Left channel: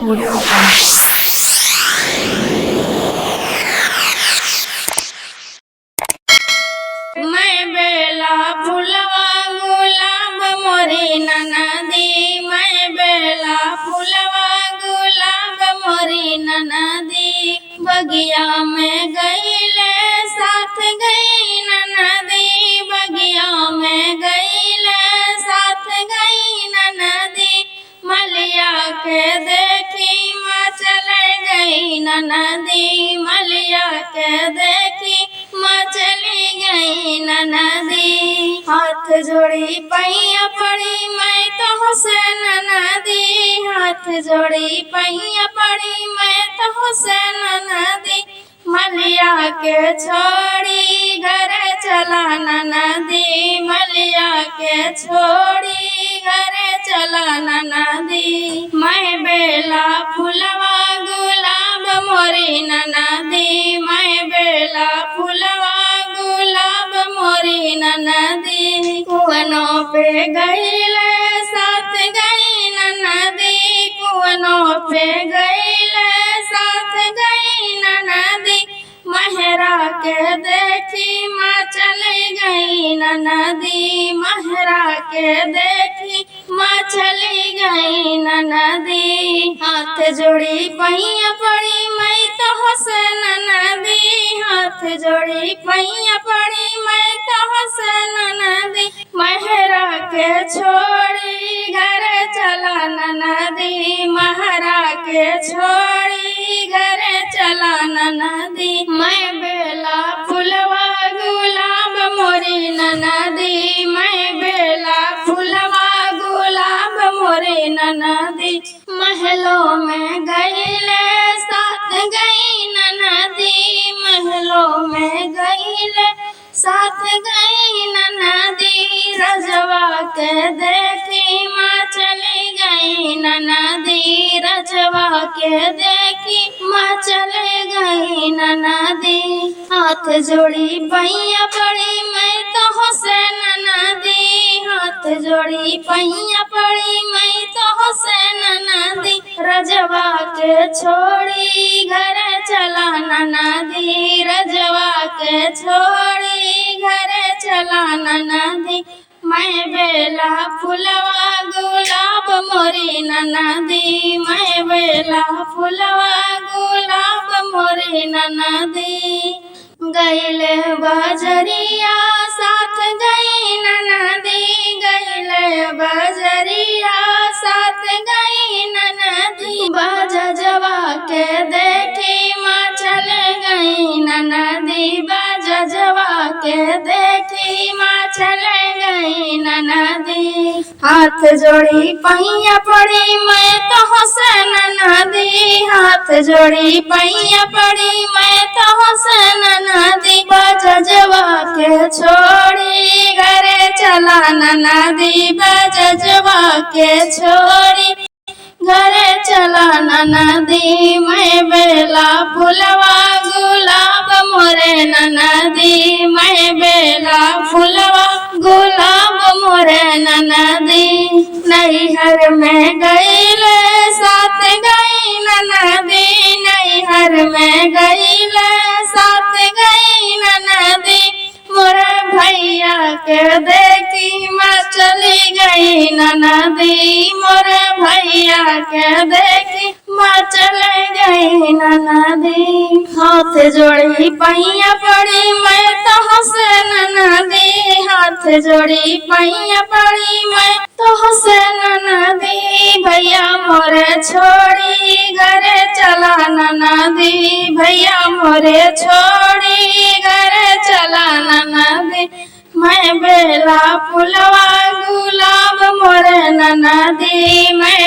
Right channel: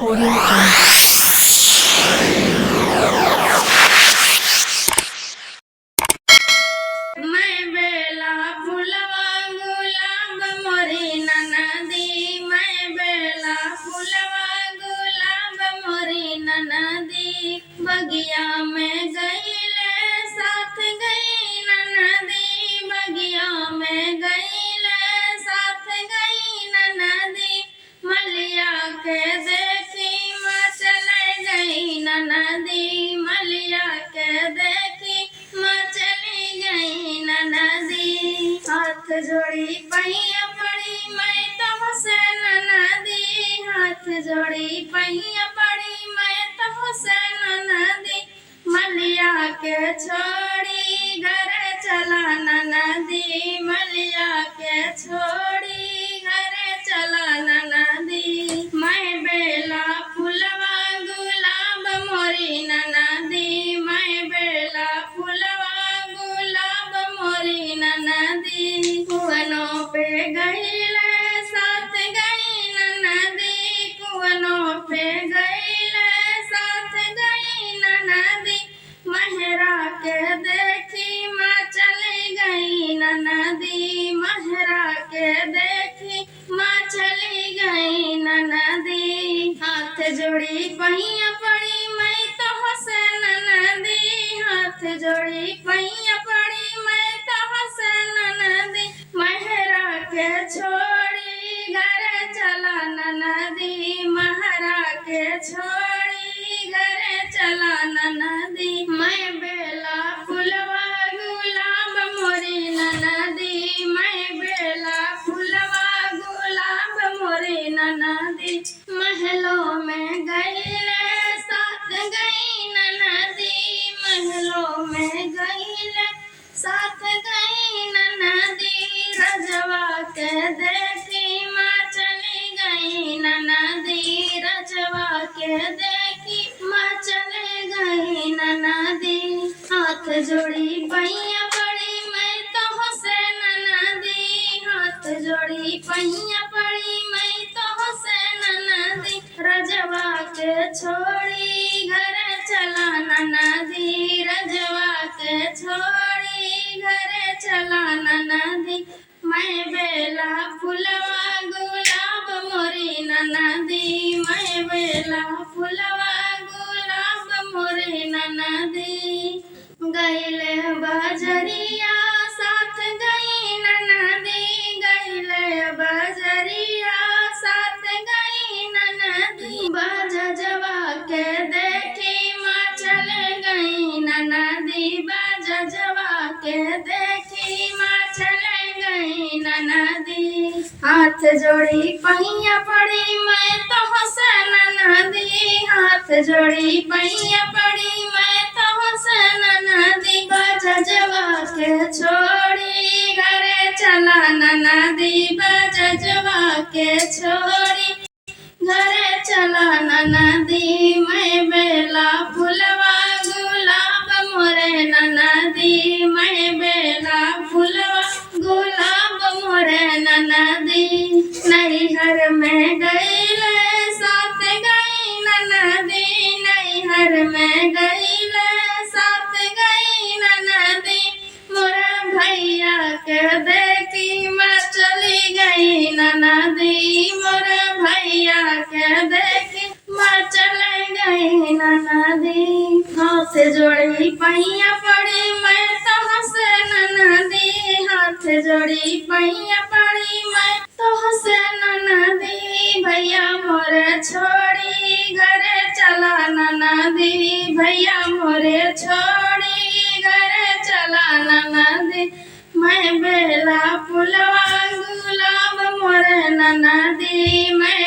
Audio Jungle. मैं बेला फुलवा गुलाब मोरी ननदी, मैं बेला फुलवा गुलाब मोरी ननदी। बगिया में गईले साथ गई ननदी, बगिया में गईले साथ गई ननदी। मलिया के देखी माँ चले गई ननदी, मलिया के देखी माँ चली गई ननदी। हाथ जोड़ी पैया पड़ी मैं तो से ननदी, हाथ जोड़ी पैया पड़ी मैं तो से ननदी। मलिया के छोड़ी घर चला ननदी, मलिया के छोड़ी घर चला ननदी। मैं बेला फुलवा गुलाब मोरी ननदी, मैं बेला फुलवा गुलाब मोरी ननदी। कुवनों पे गईले साथ गई ननदी, कुवनों पे गईले साथ गई ननदी। महरा के देखी माँ चली गई ननदी, महरा के देखी माँ चली गई ननदी। हाथ जोड़ी पैया पड़ी मैं तो से ननदी, हाथ जोड़ी पैया पड़ी मैं तो से ननदी। महरा के छोड़ी घर चला ननदी, महरा के छोड़ी घर चला ननदी। मैं बेला फुलवा गुलाब मोरी ननदी, मैं बेला फुलवा गुलाब मोरी ननदी। महलों में गईले साथ गई ननदी, महलों में गईले साथ गई ननदी। रजवा के देखी माँ चली गई ननदी, रजवा के देखी माँ चली गई ननदी। हाथ जोड़ी पैया पड़ी मैं तो से ननदी, हाथ जोड़ी पैया पड़ी मैं तो से ननदी। रजवा के छोड़ी घर चला ननदी, रजवा के छोड़ी घर चला ननदी। मैं बेला फुलवा गुलाब मोरी ननदी, मैं बेला फुलवा गुलाब मोरी ननदी। गईले बजरिया साथ गई ननदी, गईले बजरिया साथ गई ननदी। बजजवा के देखी माँ चले गई ननदी, बजजवा के देखी माँ चले गई ननदी। हाथ जोड़ी पैया पड़ी मैं तो से ननदी, हाथ जोड़ी पैया पड़ी मैं तो से ननदी। बजजवा के छोड़ी घरे चला ननदी, बजजवा के छोड़ी घरे चला ननदी। मैं बेला फुलवा गुलाब मोरे ननदी, मैं बेला फुलवा गुलाब मोरे ननदी। नैहर में गईले साथ गई ननदी, नैहर में गईले साथ गई ननदी। मोरे भैया के देखी माँ चली गई ननदी, मोरे भैया के देखी माँ चले गई ननदी। हाथ जोड़ी पैया पड़ी मैं तो से ननदी, हाथ जोड़ी पैया पड़ी मैं तो से ननदी। भैया मोरे छोड़ी घरे चला ननदी, भैया मोरे छोड़ी घरे चला ननदी। मैं बेला फुलवा गुलाब मोरे ननदी, मैं